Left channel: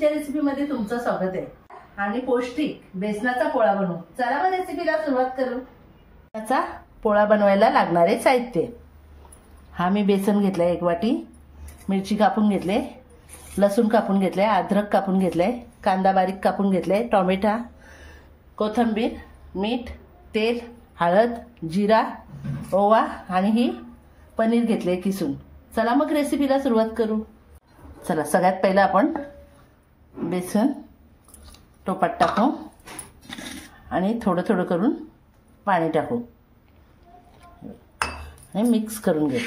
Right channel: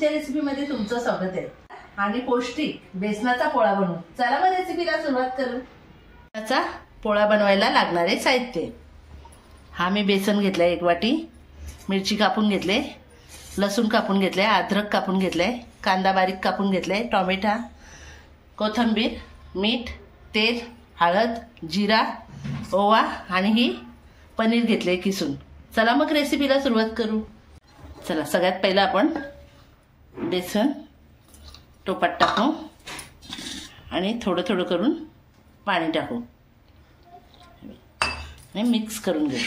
कुकिंगच्या रेसिपीमध्ये तुमचं स्वागत आहे आणि पौष्टिक बेसनाचा पोळा बनवू। चला मग रेसिपीला सुरुवात करू। बेसनाचा पोळा बनवायला लागणारे साहित्य, हा मी बेसन घेतलंय 1 वाटी, मिरची कापून घेतले, लसूण कापून घेतले, अद्रक कापून घेतले, कांदा बारीक कापून घेतले, टोमॅटो, कोथिंबीर, मीठ, तेल, हळद, जिरा, ओवा आणि ही पनीर घेतले किसून। चला मग रेसिपीला सुरुवात करू। चला सगळ्यात पहिला आपण बेसन टोपात टाकू आणि थोडं थोडं करून पाणी टाकू आणि मिक्स करून घेऊ।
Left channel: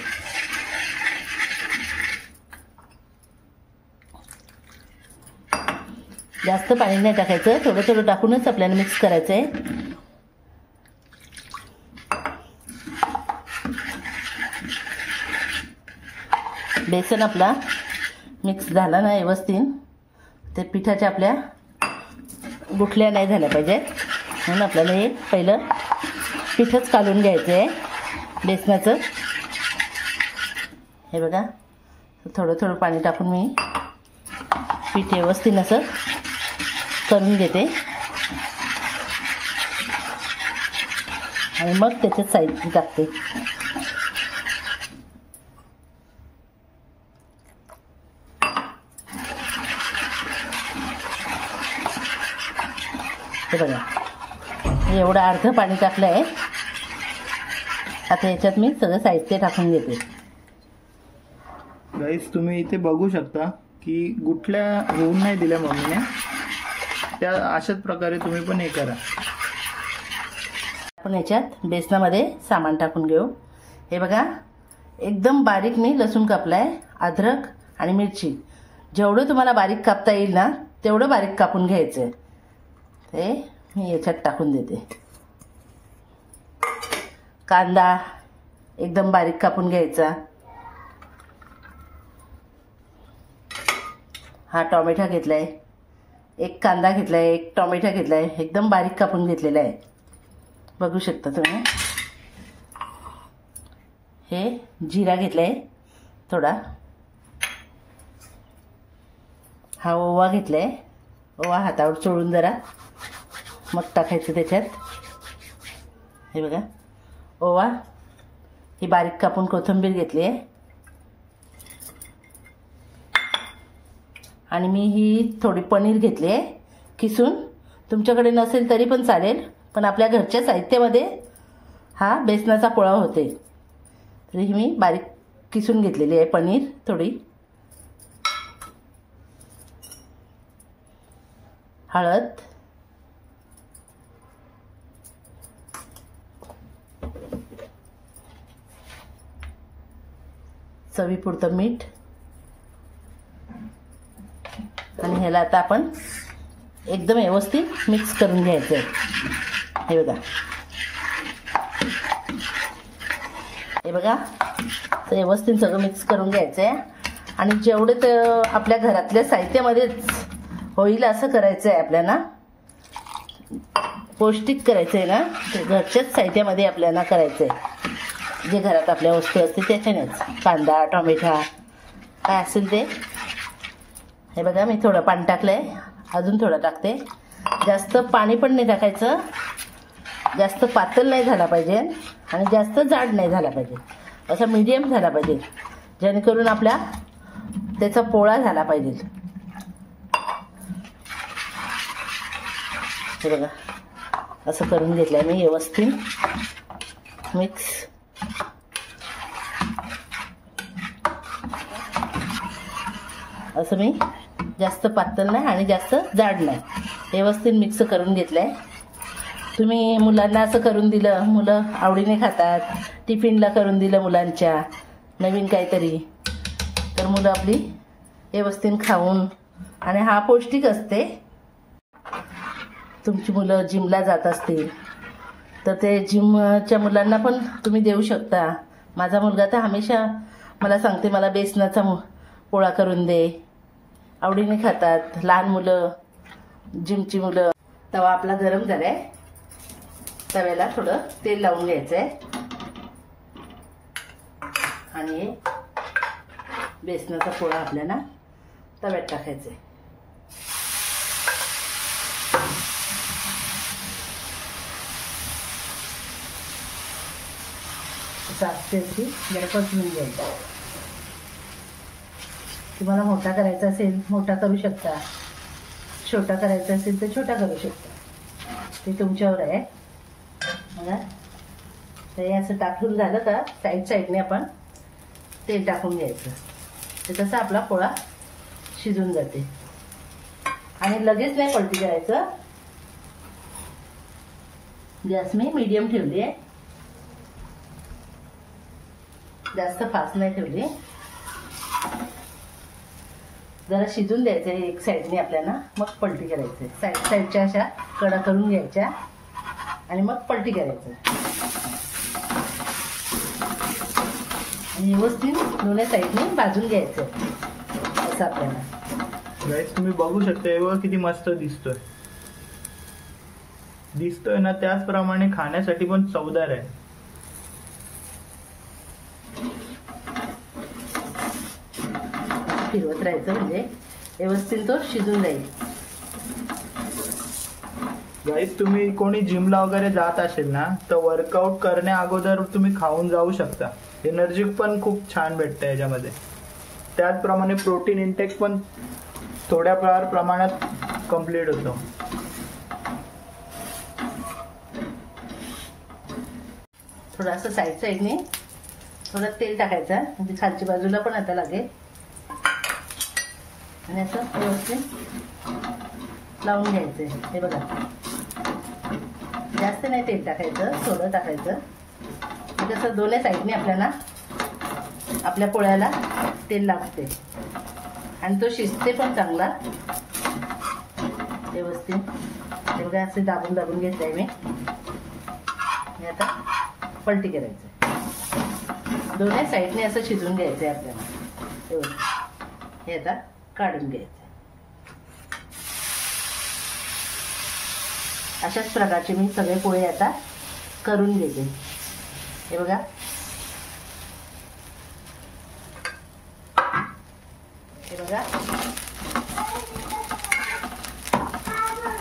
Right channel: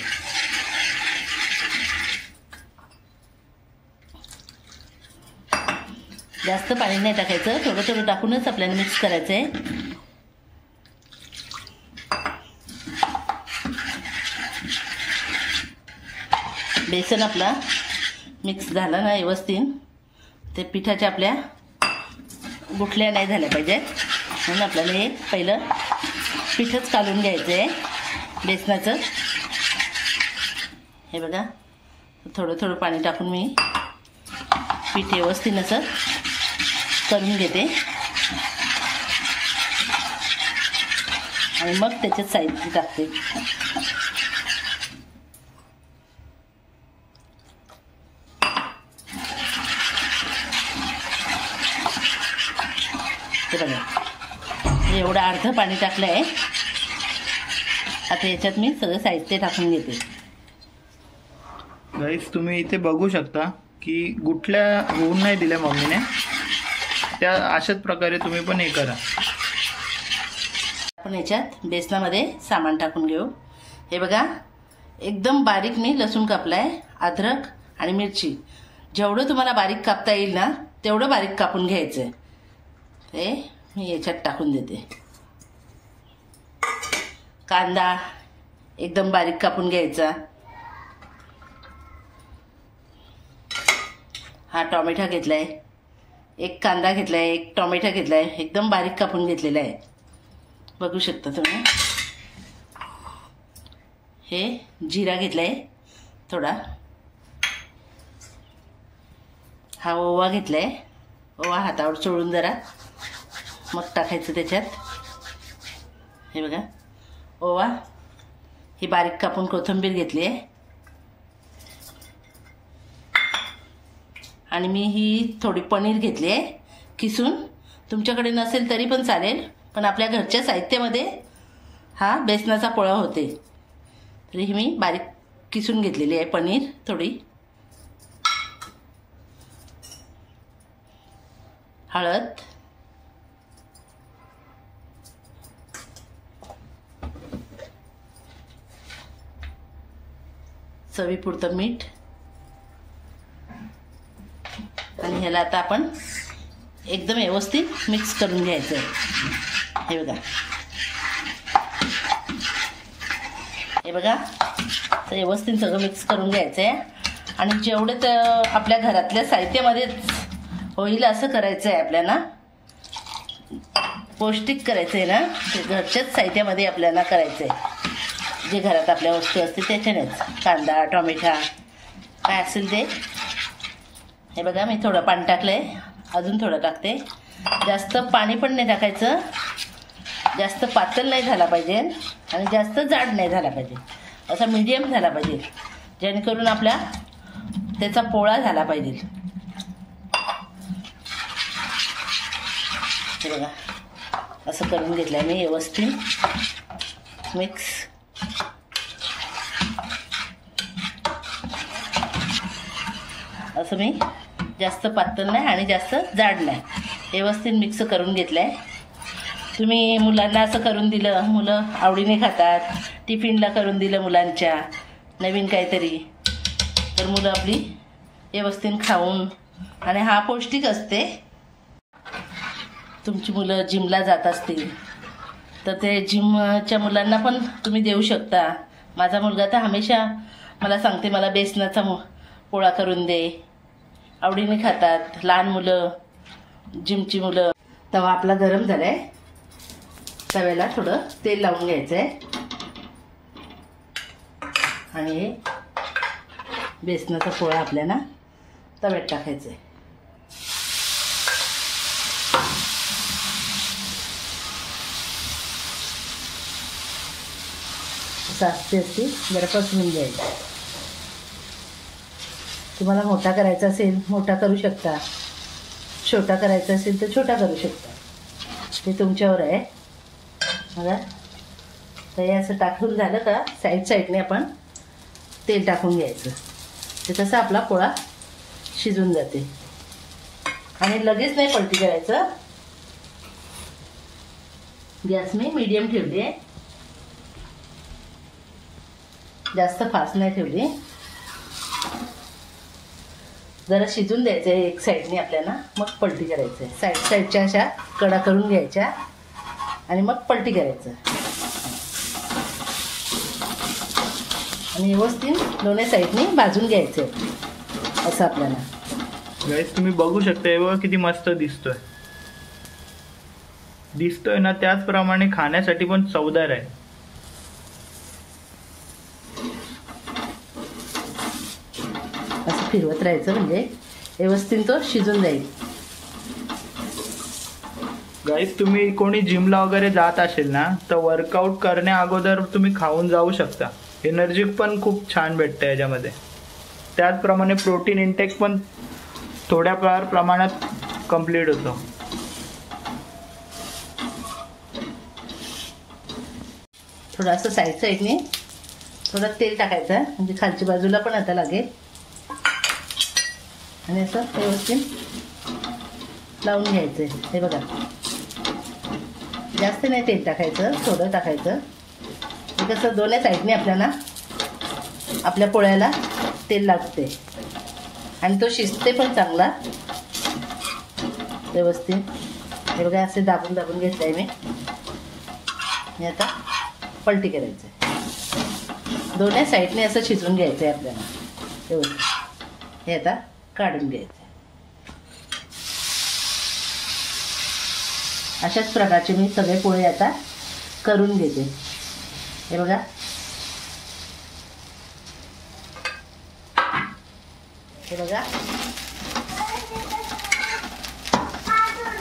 जास्त पाणी नाही टाकायचं, थोडं थोडं टाकूनच आपल्याला मिक्स करायचं आहे। बेसन आपला मिक्स झाला ना व्यवस्थित, ते पिठाच्या आपल्या गुठल्या नाही झाल्या पाहिजेत, म्हणून आपल्याला हे पहिलं पिठच काढून घ्यायचं आहे बेसनाचं। हे बघा, थोडं थोडं पाणी टाकून मी पीठ व्यवस्थित असं करून घेते आणि मग त्याच्यात साहित्य टाकते। हे बघा, एवढं अर्ध पाणी टाकलं आहे। आता याच्यात मी सगळं साहित्य टाकून घेते। गाईस, तुम्ही इथे बघू शकता की गुठल्या होऊन नाही दिल्या मम्मीने, त्या अशाच प्रकारे तुम्ही पण हे करा। आपण याच्यात बेसनामध्ये सामान टाकून घेऊ। हे बघा, एकदम बारीक मी लसूण कापलाय, अद्रक आणि मिरची, जेवढं तुम्हाला बारीक कापता येईल ना तेवढं बारीक कापून घ्यायचं। हे मी याच्यात टाकून देते। कांदा एकदम बारीक कापून घ्यायचा। हा टोमॅटो घेतलाय, 1 कांदा घेतलाय, 1 टोमॅटो घेतलाय, एकदम बारीक कापून घेतलेला आहे, बघू शकता तुम्ही। हे जिरा घेतलाय थोडा, हा ओवा घेतलाय, ओवा हातावर चोळून जरा मग टाकायचं त्याच्यात। हे बघा, ओवा, ही बारीक कापून कोथिंबीर घेतली आहे आणि मी ही थोडी पनीर घेतली आहे किसून। तुमच्याकडे नसेल तरी पण चालेल, पण आपल्या घरच्या साहित्यामध्ये हा बेसनाचा पोळा होते, तरी ही मी बारीक किसून घेतलेली आहे पनीर थोडी। हळद, चवीपुरतं मीठ आणि ह्याला आता आपण एकदम व्यवस्थित मिक्स करून घ्यायचं आहे। हे बघा, हे बघा, तर व्यवस्थित सगळं मिक्स करून घ्यायचं आहे आणि जेवढे तर आपल्या घरातल्या साहित्यामध्येच होईल असं करायचं आहे आपल्याला। पौष्टिक करायचं आहे ना, ते घरच्याच साहित्यामध्ये आपल्याला करायचं आहे, जे घरात आपल्या वस्तू असते त्याच्यानेच, कांदा, टोमॅटो काय असेल ते। हे बघा, मी थोडं पाणी टाकलंय, अजून थोडं टाकते। जास्त पाणी पण नाही टाकायचं, जास्त पातळ नाही झाला पाहिजे आणि जास्त जाड नाही झाला पाहिजे, असा मीडियम झाला पाहिजे, जेणेकरून आपल्या त्याचा पोळा झाला पाहिजे। हे बघा, असं करून घेतलंय मी व्यवस्थित मिक्स। असं मी जास्त पातळ नाही आणि जास्त जाड नाही, व्यवस्थित मिक्स करून घेतलंय। तुम्ही मुलांना असं करून दिलं, मुलं आवडीने खातात, टिफिनला करून दिलं मुलांच्या नवीन काहीतरी, तर मुलं आपली व्यवस्थित खाऊन, आणि हा पौष्टिक असते। तुमची मुलं जिमला जात असतील तर ते जिमच्या मुलांना पण तुम्ही देऊ शकता। माझा मुलगा तर हमेशा मला सांगते, मला बेसनाचा पोळा करून दे, आवडीने खातात लहान मुलं, जिमची मुलं। तवा आपला गरम झालाय, तव्याला थोडं तेल लावून घ्यायचं आहे आणि बेसनाचा पोळा आपल्याला तव्यात टाकायचा आहे। असं असते ती जरा पसरून घ्यायचं. तुम्हाला मोठा करायचा असेल मोठा करू शकता, छोटा करायचा असेल तर छोटा करू शकता, ते तुमच्यावर आहे. बघा तर हे असं टाकून झालं का साईडने आपण तेल टाकून घ्यायचं. ते तसं आपला पोळा शिजून जाते. आणि लगेच नाही पलटी करायचं. गॅस मी मीडियम ठेवली आहे, जास्त फास्ट नाही ठेवली. जरा शिजून द्यायचं आहे एक साईडने आपल्याला, मग पलटी करायचं आहे. साईडच्या अशा कडा करून घ्यायच्या आणि मग पलटी करायचं. आणि व्यवस्थित दोन्ही साईडने भाजून घ्यायचं असं आपल्याला. गाईस तुम्ही बघू शकता हे बघा किती मस्त दिसतोय ना, त्याचप्रमाणे खाण्यासाठी पण चवदार आहे. असं फिरवत राहायचं म्हणजे व्यवस्थित तो शिजून जाईल. गाईस तुम्ही कोणी जिमला वगैरे जात असेल ना, तर वर्कआउट करण्या अगोदर तुम्ही खाऊन जाऊ शकता. एनर्जी पण खूप छान भेटते याच्यामध्ये. त्याचप्रमाणे प्रोटीन इंटेक पण थोड्या प्रमाणात कंप्लीट होतो. थोडंसं साईडने थोडं तेल टाकायचं म्हणजे खालच्या बाजूला पण आता लागेल. आणि असं व्यवस्थित लावून घ्यायचं. हे बघा जास्त नाही तेल टाकायचं, थोडं टाकायचं. कसं दोन्ही साईडने आपल्याला आपल्या पोळ्याला तेल लागते आणि तो शिजते पण चांगला व्यवस्थित. हे बघा असे दाबून घेतलं आहे मी. आता पलटी करायचं आहे. दोन्ही साईडने असं शिजवून घ्यायचं आहे आपल्याला एवढं. हे आता काढून घ्यायचं. अशाच प्रकारचे मी सगळे पोळे आता करून घेते. हे बघा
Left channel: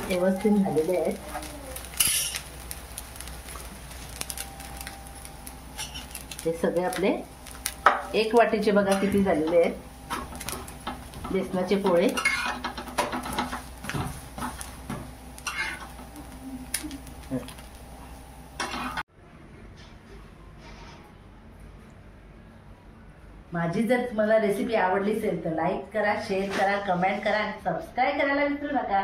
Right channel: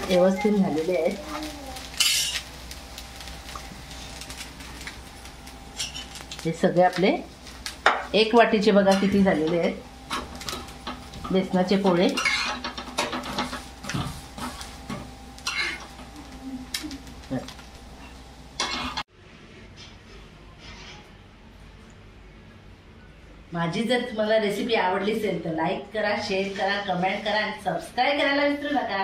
व्यवस्थित झालेले आहेत. हे सगळे आपले एक वाटीचे बघा किती झालेले आहेत बेसनाचे पोळे. माझी जर तुम्हाला रेसिपी आवडली असेल तर लाईक करा, शेअर करा, कमेंट करा आणि सबस्क्राईब करायला विसरू नका.